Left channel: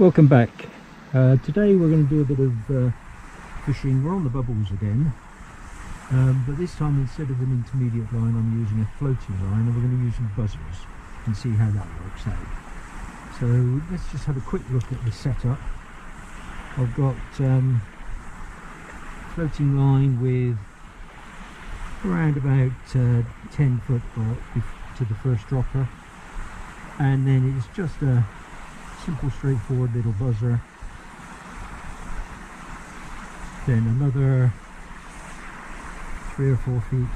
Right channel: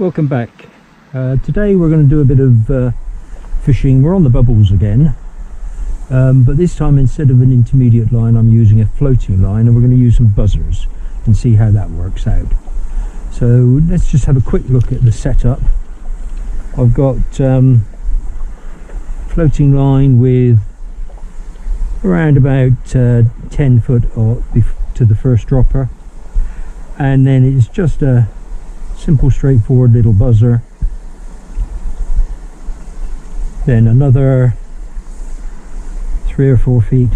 Welcome back. Today we're going to do a bit of fishing. We're on the bubbles again, but this time instead of an intermediate line I'm using a floating line, and we're going to use some buzzers and see how that works out. So let's just have a quick look at the setup. I've got floating line with around about 10 foot to the first dropper, and then it's just a simple straightforward little buzzer, then another 3 or 4 feet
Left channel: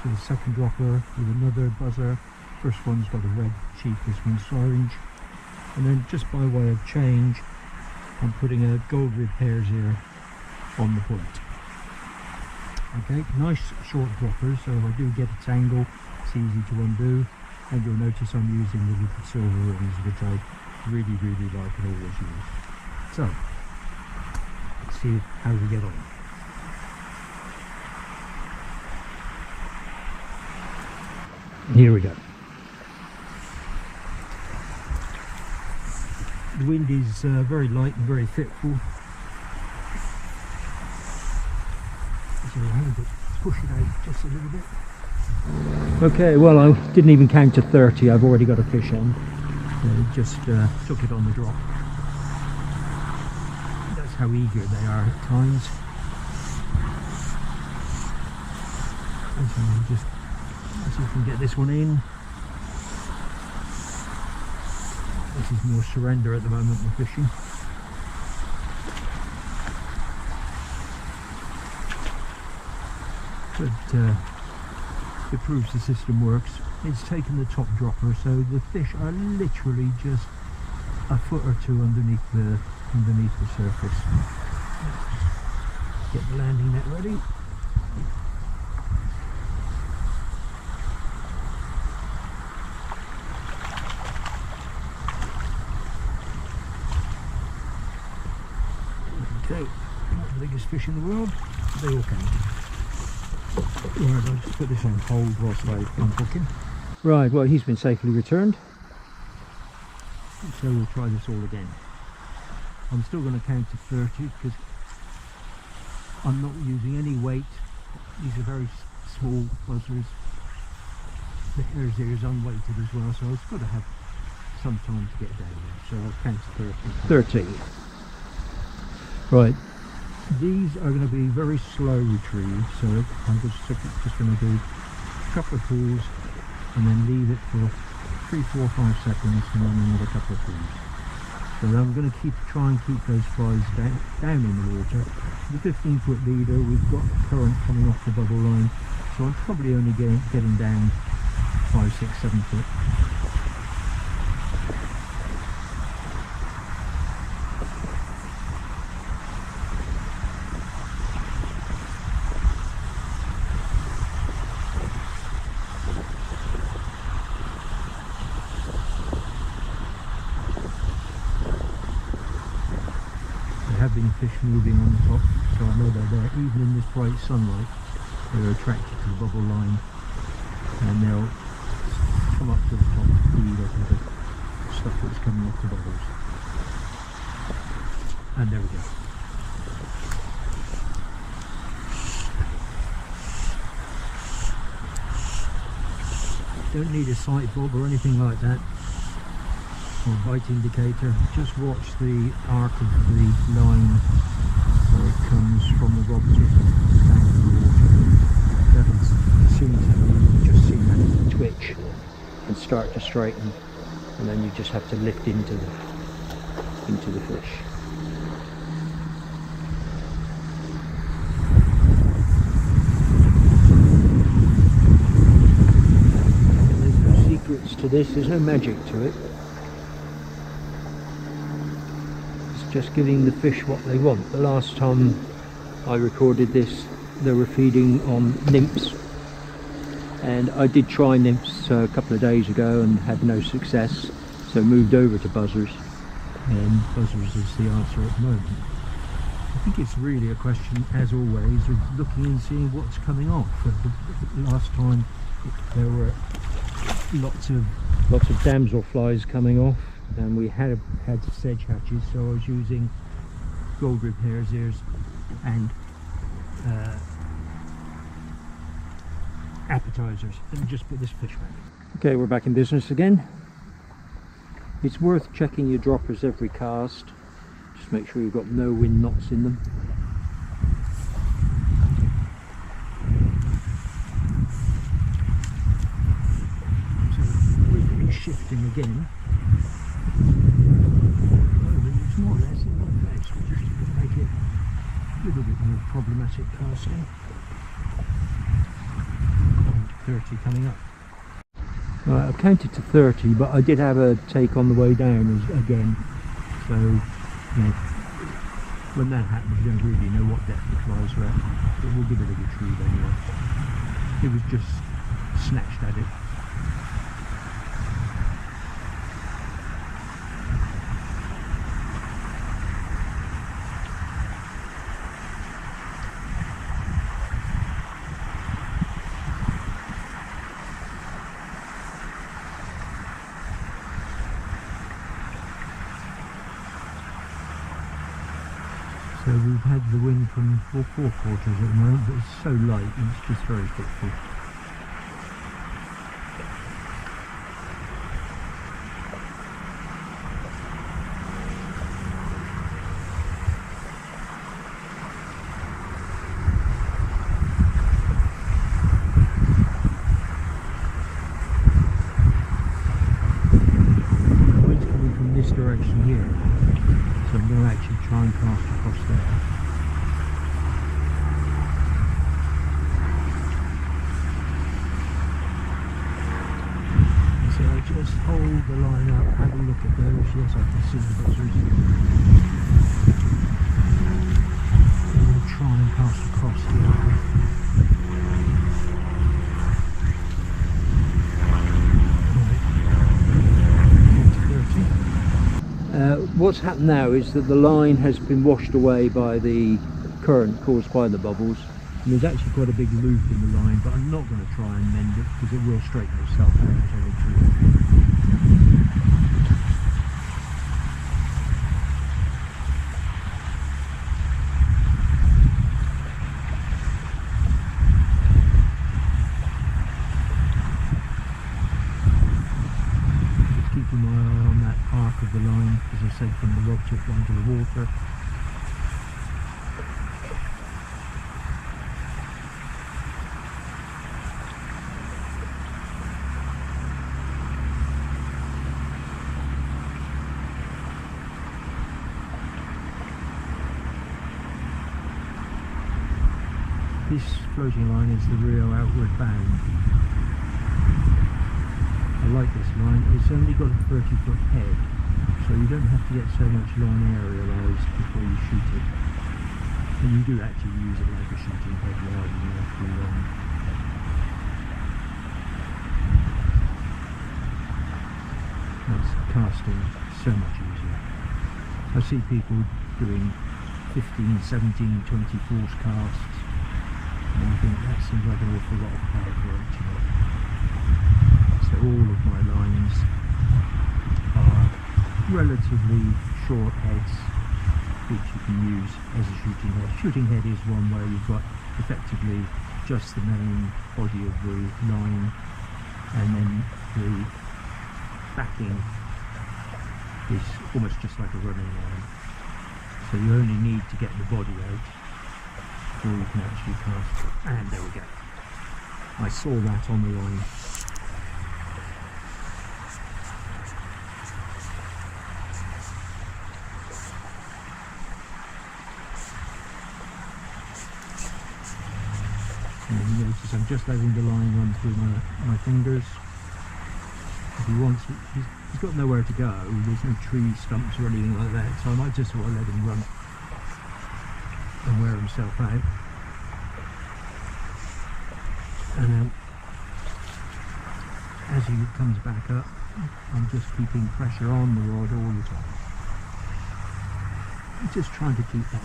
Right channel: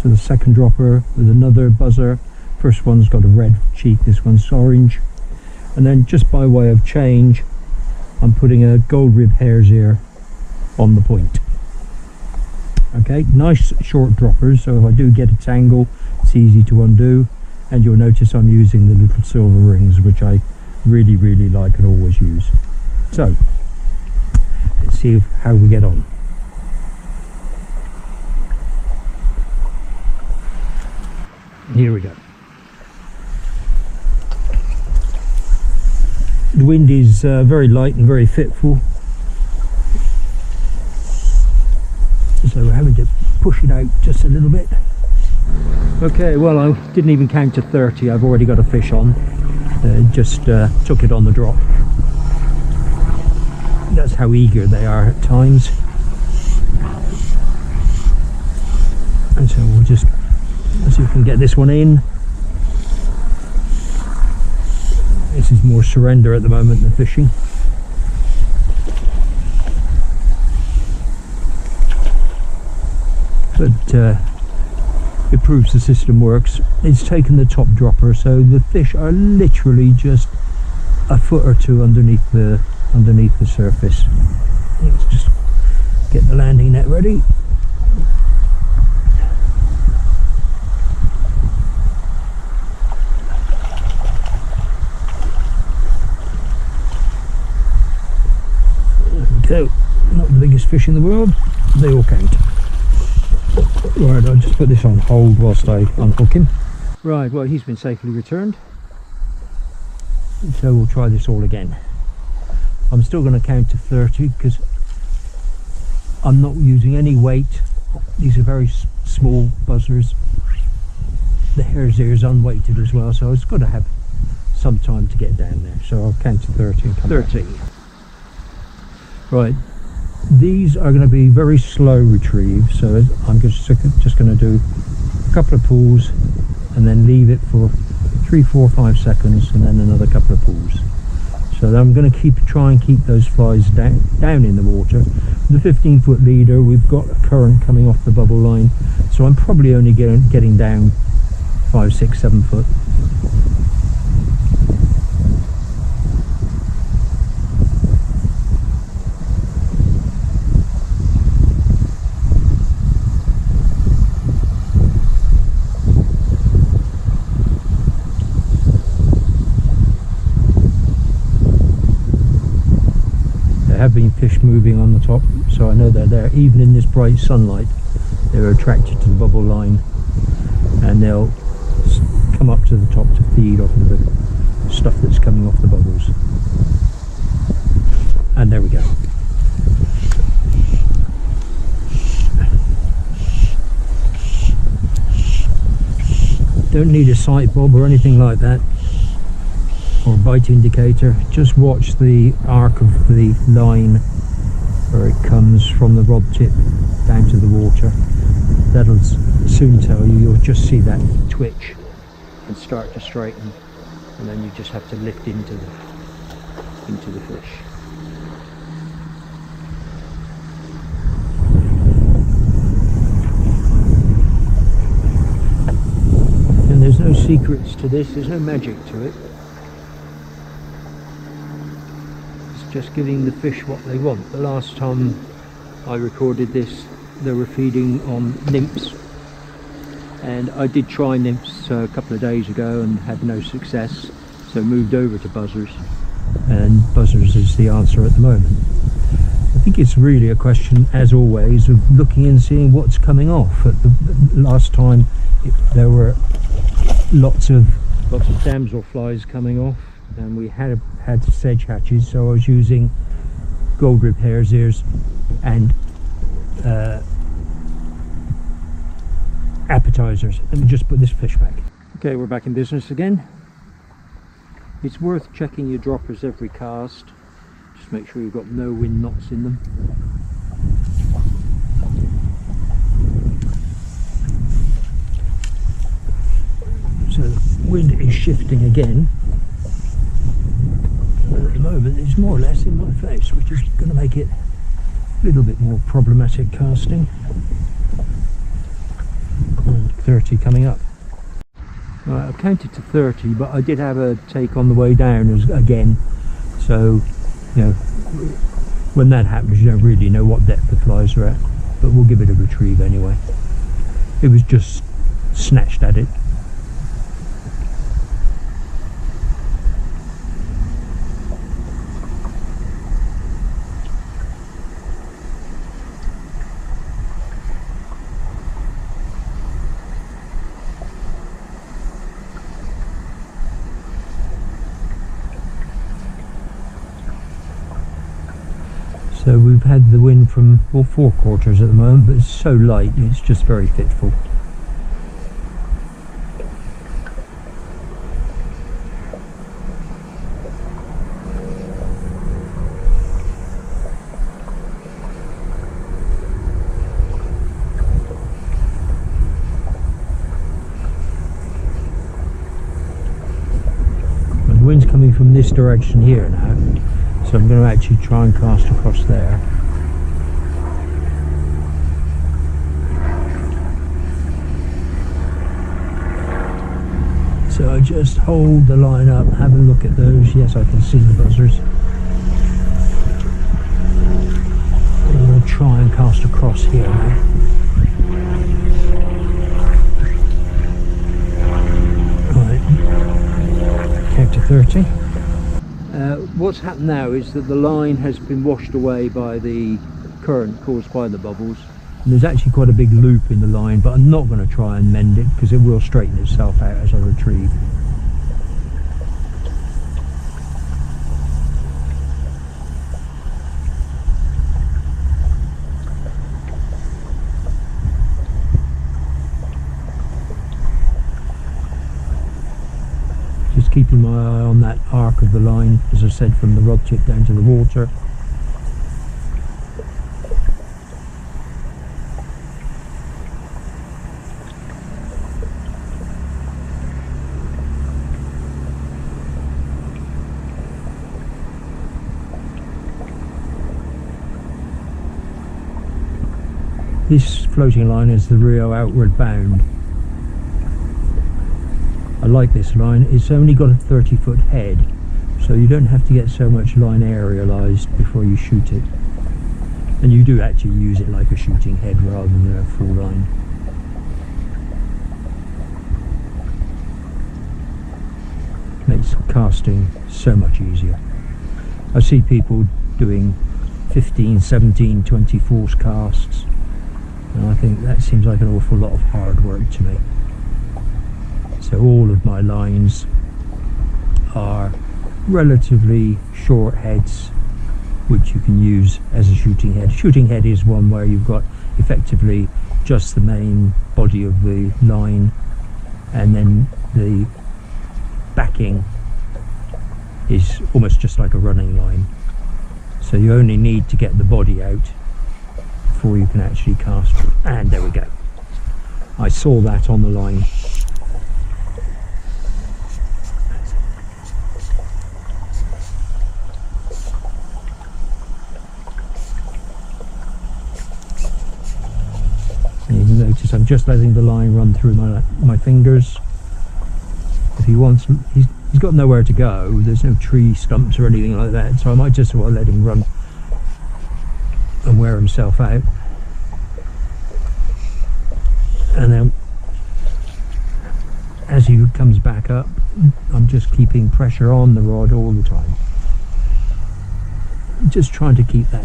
to the second dropper with another buzzer. First one's got a red cheek, this one's orange, and then just by way of change I'm putting a gold rib hare's ear on the point. Okay, nice short droppers, so if I do get a tangle it's easy to undo, and you'll notice I'm using the little silver rings, which I really like and always use. So let's see how we get on. Here we go. The wind is very light and very fitful, so we're having to push it out just a little bit. Okay, well, I didn't even count to 30. I've already got a fish on. Just took it on the drop. That's how eager they are at times. And so we'll just see if we can get this one in. This is more surrender at the moment than fishing. But it proves the system works. It's taken the top dropper, so the fish are literally just a foot or two underneath the surface. Let's just get the landing net ready. There we go. Not the biggest fish in the world, they all count. Right, I'll just put this on hold whilst I unhook him. Right, well, he's been safely returned, so we'll try this all again. I'm still going to count to 30 because I'm not using any weight. These are very small buzzers. The hare's ear is unweighted as well, so it's got to have some time to get down there. So I'll count to 30 and come 30. Back. Right. These are going to be very slow retrieve, so I'm just going to do a couple of pulls and then leave it for 3, 4, 5 seconds, and then another couple of pulls. So I'm going to try and keep those flies down in the water. The 15-foot leader, we've got a current coming off the bubble line, so I'm probably only getting down 5, 6, 7 foot. Have been fish moving on the top, so I know they're there. Even in this bright sunlight they're attracted to the bubble line, and they'll come up to the top to feed off of the stuff that's coming off the bubbles. And there we go. Don't need a sight bob or anything like that, or bite indicator. Just watch the arc of the line where it comes from the rod tip down to the water. That'll soon tell you. You'll just see that twitch and start to straighten, and then you just have to lift into the fish. And there's no secrets to this, there's no magic to it. Just giving the fish what they want. The last time I recorded this they were feeding on nymphs, and I did try nymphs a couple of days ago and had no success, so moved over to buzzers, and buzzers is the answer at the moment. I think it's really a question, as always, of looking and seeing what's coming off. At the last time there were lots of damselflies coming off, and we had sedge hatches, so I was using gold rib hare's ears and appetizers. Let me just put this fish back. Okay, we're back in business again. It's worth checking your droppers every cast. Just make sure you've got no wind knots in them. So the wind is shifting again. And at the moment it's more or less in my face, which is going to make it a little bit more problematic casting. 30 coming up. Right, I've counted to 30, but I did have a take on the way down again. So, you know, when that happens, you don't really know what depth the flies are at, but we'll give it a retrieve anyway. It was just snatched at it. So we've had the wind from all 4 quarters at the moment, but it's so light, it's just very fitful. The wind's coming from this direction here now. So I'm going to actually try and cast across there. So I just hold the line up, have a look at those. Yes, I can see the buzzers. And we'll try and cast across here now. Right, count to 30. What's happened now is that the line has been washed away by the current caused by the bubbles, and there's actually quite a big loop in the line, but I'm not going to try and mend it because it will straighten itself out as I retrieve. Keeping my eye on that arc of the line, as I said, from the rod tip down to the water. This floating line is the Rio outward bound. I like this line. It's only got a 30-foot head, so you don't have to get so much line aerialized before you shoot it, and you do actually use it like a shooting head rather than a full line. Makes casting so much easier. I see people doing 15, 17, 20 force casts, and I think that seems like an awful lot of hard work to me. So all of my lines are relatively short heads, which you can use as a shooting head. Shooting head is one where you've got effectively just the main body of the line, and then the backing is almost just like a running line. So you only need to get the body out before you can actually cast. And there we go. I saw that on the line. You notice I'm just letting the line run through my fingers. If he wants, he's got nowhere to go. There's no tree stumps or anything like that, so I might just sort of let him run and wear himself out. And then as he comes back up, I'm just keeping pressure on the rod all the time. Just trying to keep that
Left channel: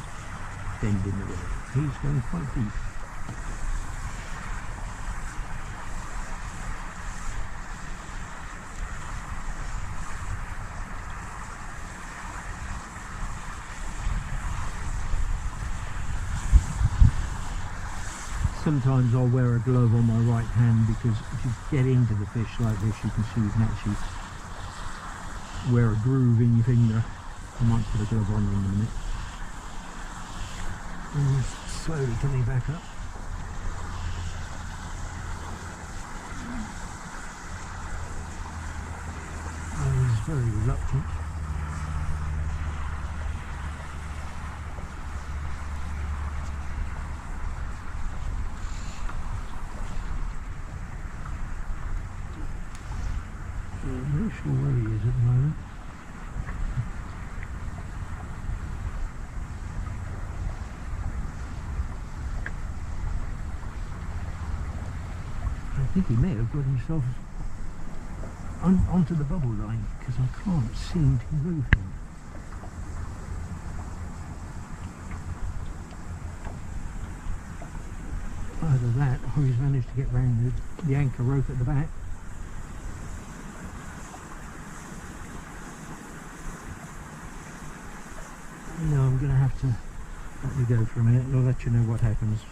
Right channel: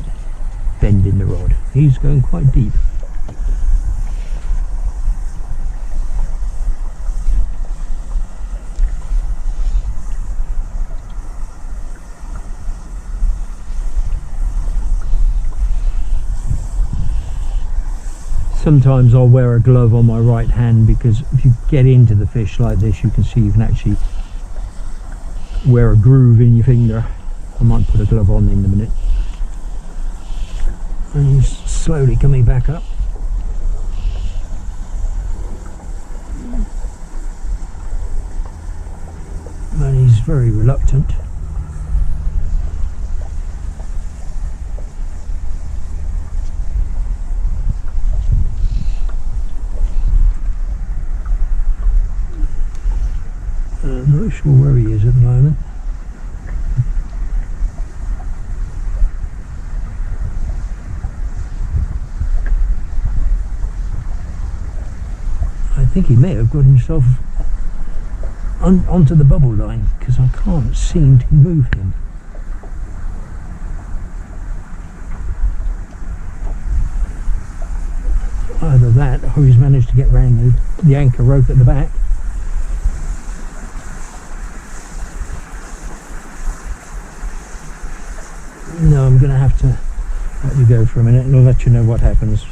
bend in the rod. He's going quite deep. sometimes I'll wear a glove on my right hand, because if you get into the fish like this, you can see you can actually wear a groove in your finger. I might put a glove on in a minute. And he's slowly coming back up. But he's very reluctant. I'm not sure where he is at the moment. I think he may have got himself onto the bubble line, because I can't seem to move him. Either that, or he's managed to get round the anchor rope at the back. No, I'm going to have to let you go for a minute and I'll let you know what happens.